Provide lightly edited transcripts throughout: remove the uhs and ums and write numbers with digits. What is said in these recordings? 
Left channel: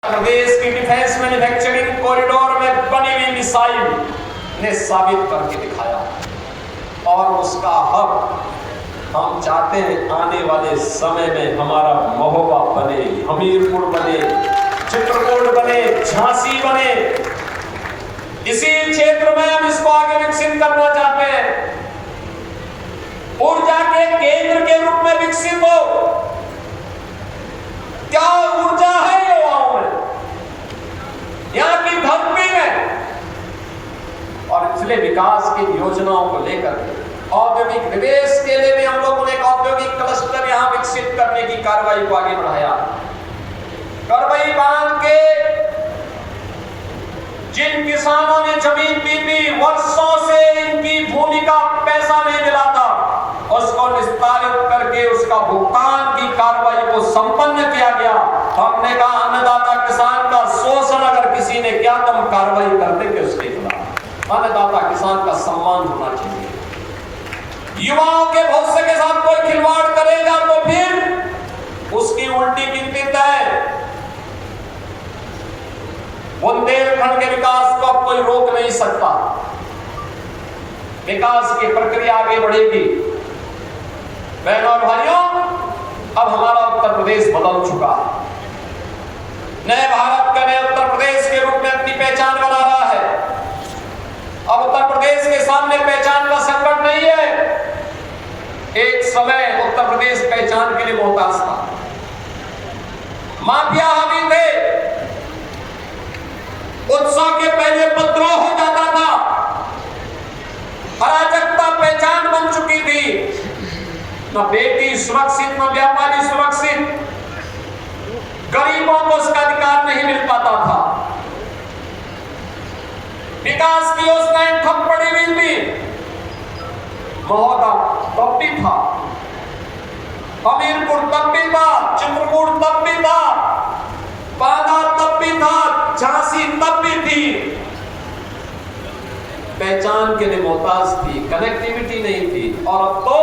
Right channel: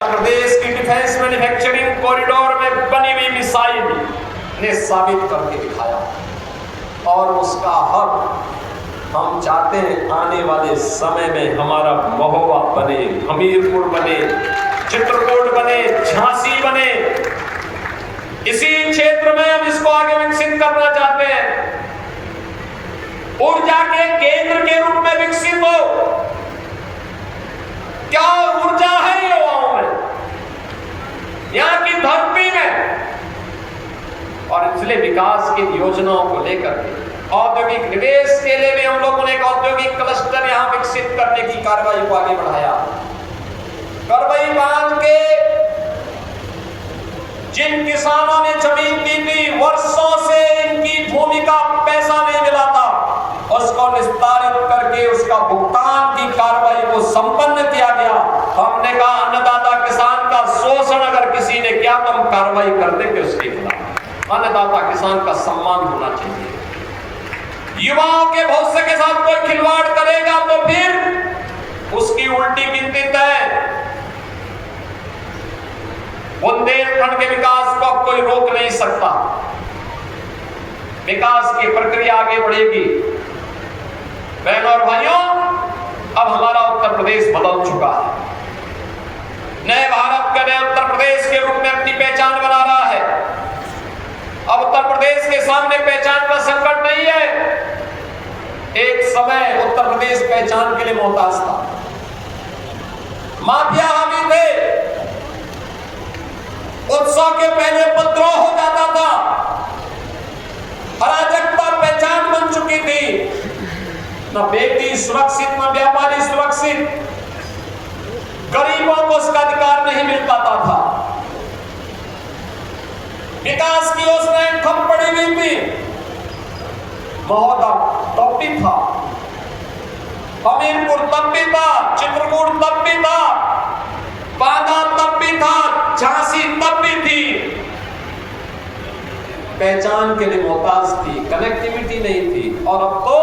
प्रदेश की defence manufacturing corridor में बनी हुई मिसाइल ने साबित करके दिखाया और उसका हक हम चाहते हैं आने वाले समय में हमारा महोबा बने, हमीरपुर बने, चित्रकूट बने, झांसी बने। इसी क्षेत्र में हम इसको आगे विकसित करना चाहते हैं, ऊर्जा के केंद्र के रूप में विकसित हो। क्या ऊर्जा है युवाओं में, यहाँ की धरती में, और इसलिए विकास की योजनाओं को लेकर औद्योगिक निवेश के लिए भी हम लोगों ने एक औद्योगिक क्लस्टर यहाँ विकसित करने की कार्रवाई को आगे बढ़ाया। करवई बांध के जिन किसानों ने जमीन दी थी, वर्षों से इनकी भूमि का पैसा नहीं मिला था, उसको निस्तारित करके उसका भुगतान की कार्रवाई को संपन्न किया गया। हमने कहा अन्नदाता किसान का शोषण अगर किसी ने किया तो हम कार्रवाई कर देंगे उसके खिलाफ। अन्नदाता किसान का सम्मान होना चाहिए। युवाओं के भविष्य के साथ कोई खिलवाड़ करेगा तो फिर उसकी उल्टी गिनती तय। बुंदेलखंड के विकास को अब कोई रोक नहीं सकता। विकास की प्रक्रिया आगे बढ़ेगी। बहनों और भाइयों, अब हमारा उत्तर प्रदेश बदल चुका है। नए भारत का नए उत्तर प्रदेश के रूप में अपनी पहचान बना रहा है। अब उत्तर प्रदेश के सामने पहचान का संकट नहीं है। एक समय उत्तर प्रदेश पहचान के लिए मोहताज था। माफिया हावी थे। उत्सव के पहले उपद्रव हो जाता था। अराजकता पहचान बन चुकी थी। न बेटी सुरक्षित, न व्यापारी सुरक्षित। गरीबों को उसका अधिकार नहीं मिल पाता था। विकास की योजनाएं ठप पड़ी हुई थी। महोदा तब भी था, हमीरपुर तब भी था, चित्रकूट तब भी था, बांदा तब भी था, झांसी तब भी थी। पहचान के लिए मोहताज थी, कनेक्टिविटी नहीं थी। और अब तो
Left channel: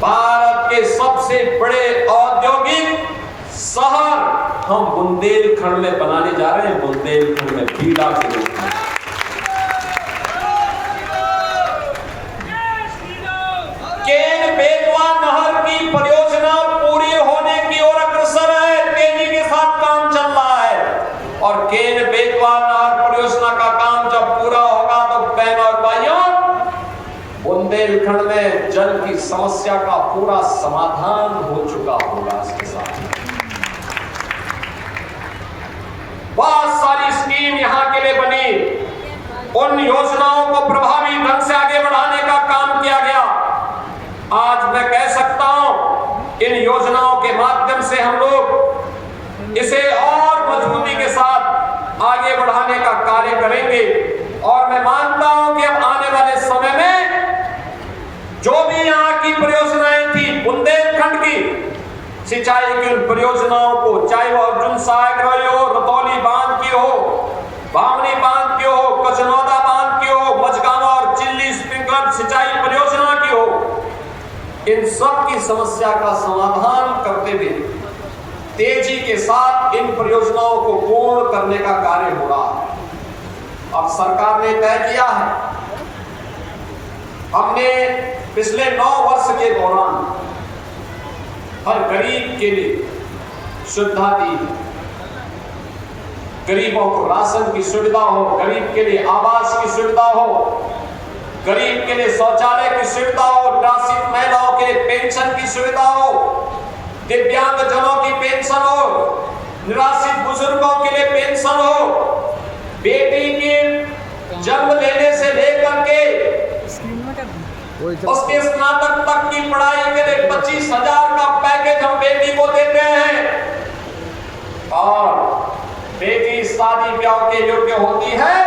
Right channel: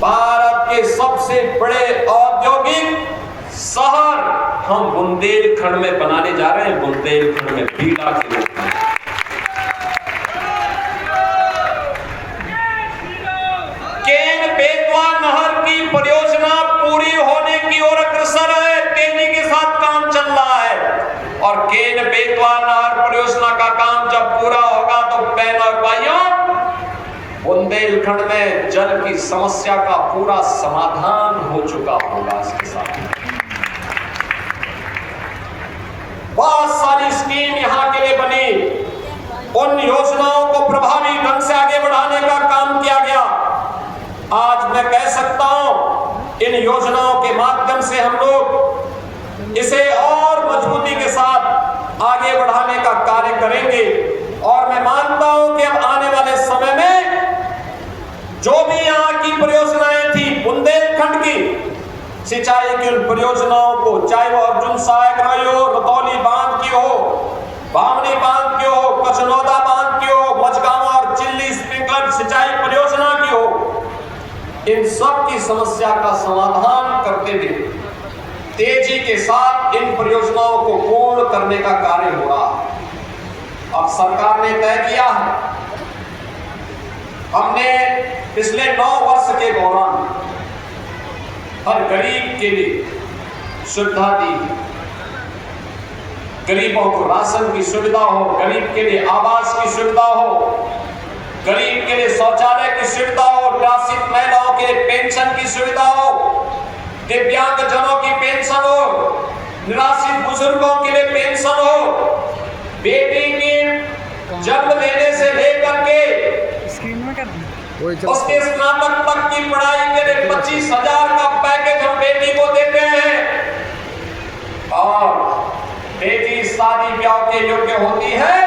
भारत के सबसे बड़े औद्योगिक शहर हम बुंदेलखंड में बनाने जा रहे हैं। बुंदेलखंड में बीड़ा के रूप में केन बेतवा नहर की परियोजना पूरी होने की ओर अग्रसर है। तेजी के साथ काम चल रहा है और केन बेतवा नहर परियोजना का काम जब पूरा होगा तो बहनों और भाइयों, बुंदेलखंड में जल की समस्या का पूरा समाधान हो चुका होगा। इसके साथ बहुत सारी स्कीम यहाँ के लिए बनी। उन योजनाओं को प्रभावी ढंग से आगे बढ़ाने का काम किया गया। आज मैं कह सकता हूं, इन योजनाओं के माध्यम से हम लोग इसे और मजबूती के साथ आगे बढ़ाने का कार्य करेंगे। और मैं मानता हूं कि अब आने वाले समय में जो भी यहाँ की परियोजनाएं थी, बुंदेलखंड की सिंचाई की उन परियोजनाओं को, चाहे वो अर्जुन सहायक हो, रतौली बांध की हो, बावनी बांध की हो, कचनौदा बांध की हो, मझगामा और चिल्ली स्प्रिंकलर सिंचाई परियोजना की हो, इन सब की समस्या का समाधान करते हुए तेजी के साथ इन परियोजनाओं को पूर्ण करने का कार्य हो रहा है। अब सरकार ने तय किया है, हमने पिछले 9 वर्ष के दौरान हर गरीब के लिए सुविधा दी। गरीबों को राशन की सुविधा हो, गरीब के लिए आवास की सुविधा हो, गरीब के लिए शौचालय की सुविधा हो, निराश्रित महिलाओं के लिए पेंशन की सुविधा हो, दिव्यांग जनों की पेंशन हो, निराश्रित बुजुर्गों के लिए पेंशन हो, बेटी के जन्म लेने से लेकर के उसके स्नातक तक की पढ़ाई के लिए 25,000 का पैकेज हम बेटी को देते हैं। और बेटी शादी ब्याह के योग्य होती है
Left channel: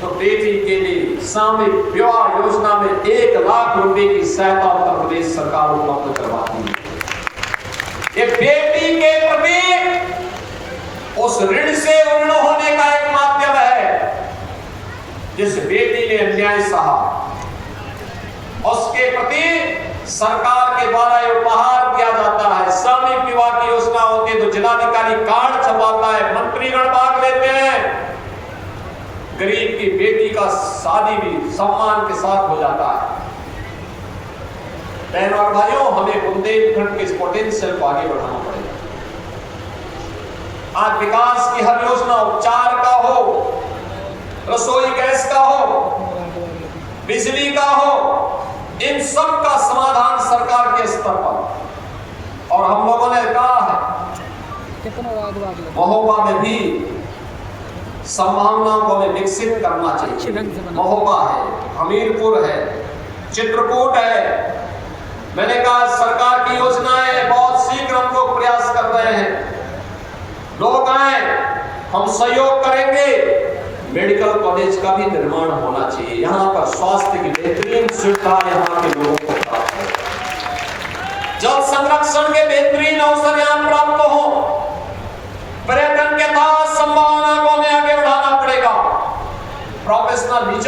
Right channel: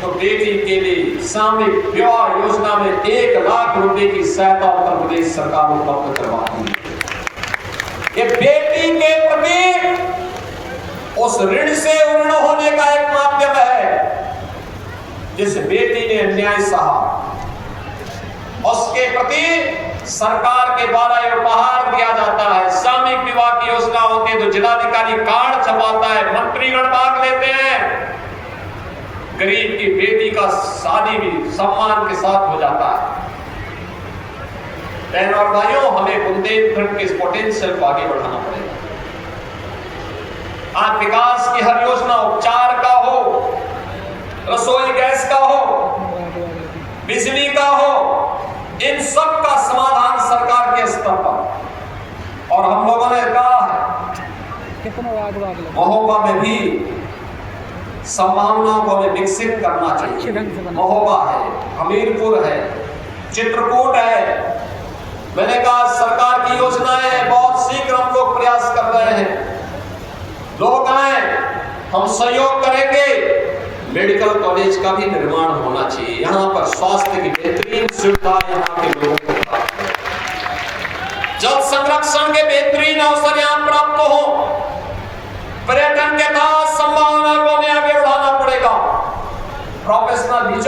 तो बेटी के लिए सामूहिक विवाह योजना में 1 लाख रुपए की सहायता उत्तर प्रदेश सरकार उपलब्ध करवाती है। ये बेटी के प्रति उस ऋण से ऋण होने का एक माध्यम है। जिस बेटी ने अन्याय सहा, उसके प्रति सरकार के द्वारा उपहार दिया जाता है। सामूहिक विवाह की योजना होती है तो जिलाधिकारी कार्ड छपाता है, मंत्रीगण भाग लेते हैं, गरीब की बेटी का शादी भी सम्मान के साथ हो जाता है। बहनों और भाइयों, हमें बुंदेलखंड के इस पोटेंशियल को आगे बढ़ाना पड़ेगा। आज विकास की हर योजना, उपचार का हो, रसोई गैस का हो, बिजली का हो, इन सब का समाधान सरकार के स्तर पर। और हम लोगों ने कहा है महोबा में भी संभावनाओं को हमें विकसित करना चाहिए। महोबा है, हमीरपुर है, चित्रकूट है। मैंने कहा सरकार की योजनाएं बहुत शीघ्र हम लोग प्रयास कर रहे हैं। लोग आए, हम सहयोग करेंगे। मेडिकल कॉलेज का भी निर्माण होना चाहिए। यहाँ पर स्वास्थ्य की बेहतरीन सुविधा यहाँ के लोगों को प्राप्त हो। जल संरक्षण के बेहतरीन अवसर यहाँ प्राप्त हो। पर्यटन के साथ संभावना को हमें आगे बढ़ाना पड़ेगा। प्रोफेशनल